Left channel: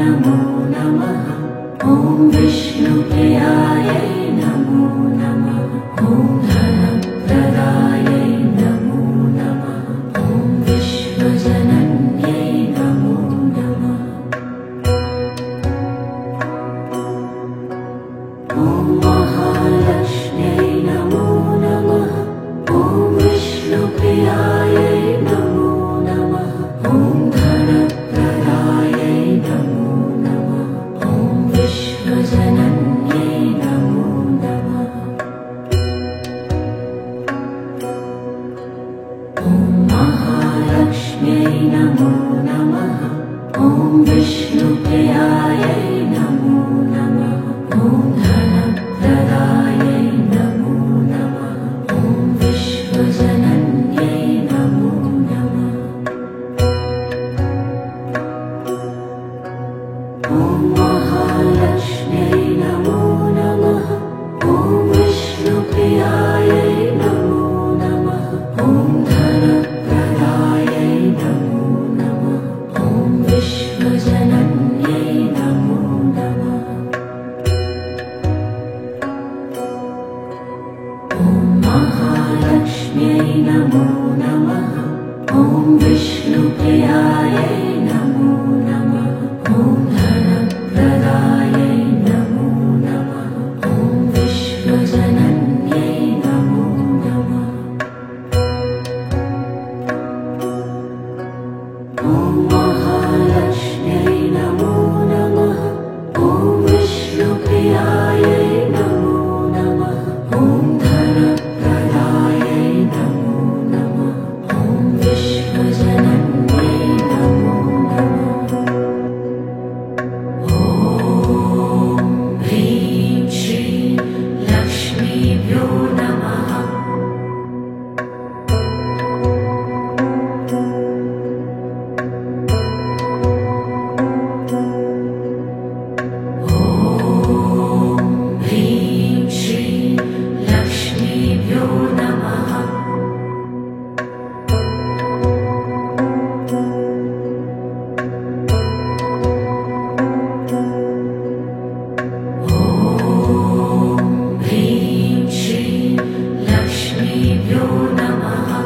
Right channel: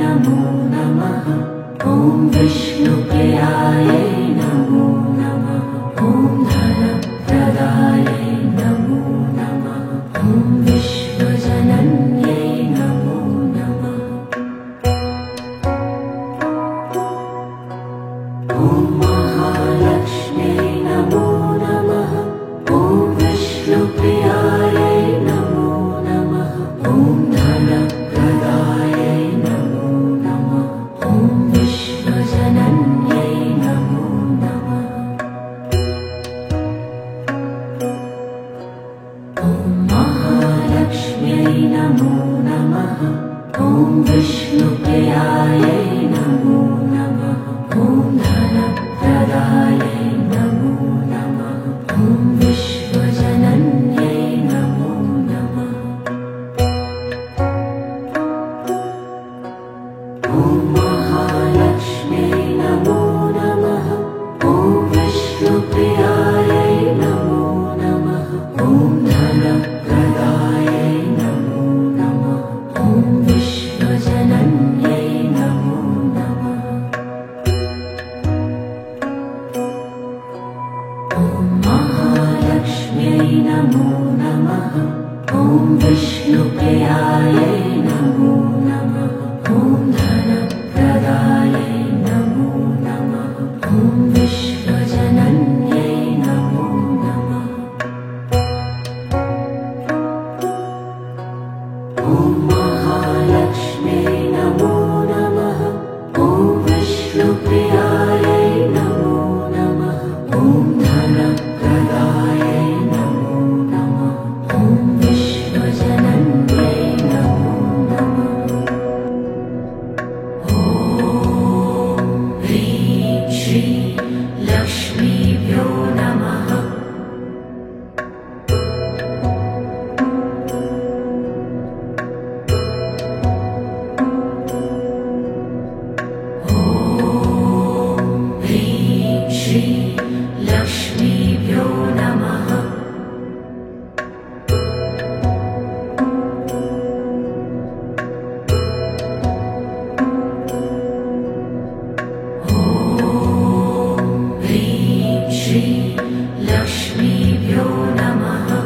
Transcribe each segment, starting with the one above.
नमो नमः। ॐ विष्णुप्रियायै नमो नमः। ॐ धनप्रदायै नमो नमः। ॐ विश्वजनन्यै नमो नमः। ॐ महालक्ष्म्यै नमो नमः। ॐ विष्णुप्रियायै नमो नमः। ॐ धनप्रदायै नमो नमः। ॐ विश्वजनन्यै नमो नमः। ॐ महालक्ष्म्यै नमो नमः। ॐ विष्णुप्रियायै नमो नमः। ॐ धनप्रदायै नमो नमः। ॐ विश्वजनन्यै नमो नमः। ॐ महालक्ष्म्यै नमो नमः। ॐ विष्णुप्रियायै नमो नमः। ॐ धनप्रदायै नमो नमः। ॐ विश्वजनन्यै नमो नमः। ॐ महालक्ष्म्यै नमो नमः। ॐ विष्णुप्रियायै नमो नमः। ॐ धनप्रदायै नमो नमः। ॐ विश्वजनन्यै नमो नमः। ॐ महालक्ष्म्यै नमो नमः। ॐ विष्णुप्रियायै नमो नमः। ॐ धनप्रदायै नमो नमः। ॐ विश्वजनन्यै नमो नमः। ॐ ह्रीं श्रीं लक्ष्मीभ्यो नमः। ॐ ह्रीं श्रीं लक्ष्मीभ्यो नमः। ॐ ह्रीं श्रीं लक्ष्मीभ्यो नमः।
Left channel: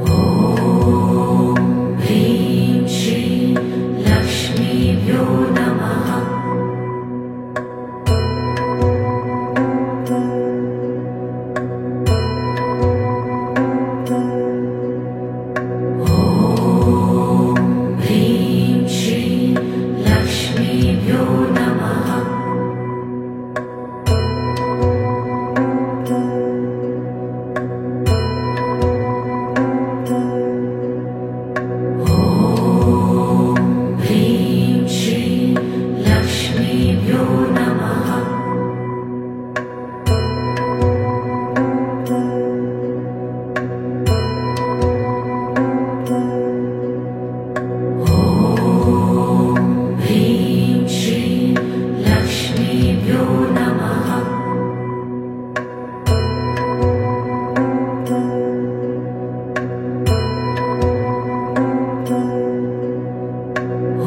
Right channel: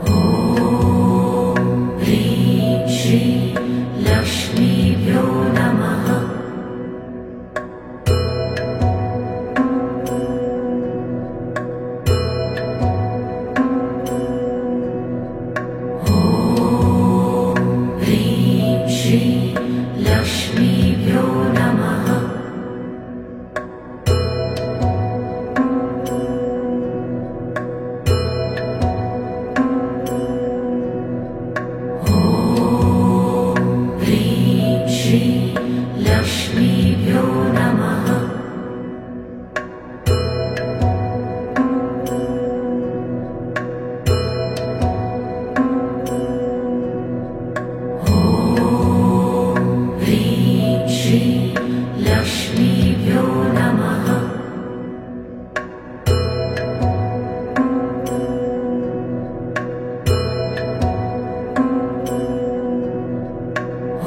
ॐ ह्रीं श्रीं लक्ष्मीभ्यो नमः। ॐ ह्रीं श्रीं लक्ष्मीभ्यो नमः। ॐ ह्रीं श्रीं लक्ष्मीभ्यो नमः। ॐ ह्रीं श्रीं लक्ष्मीभ्यो नमः।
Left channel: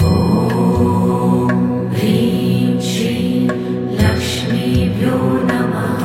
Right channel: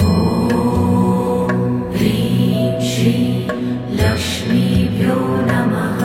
ॐ ह्रीं श्रीं लक्ष्मीभ्यो नमः।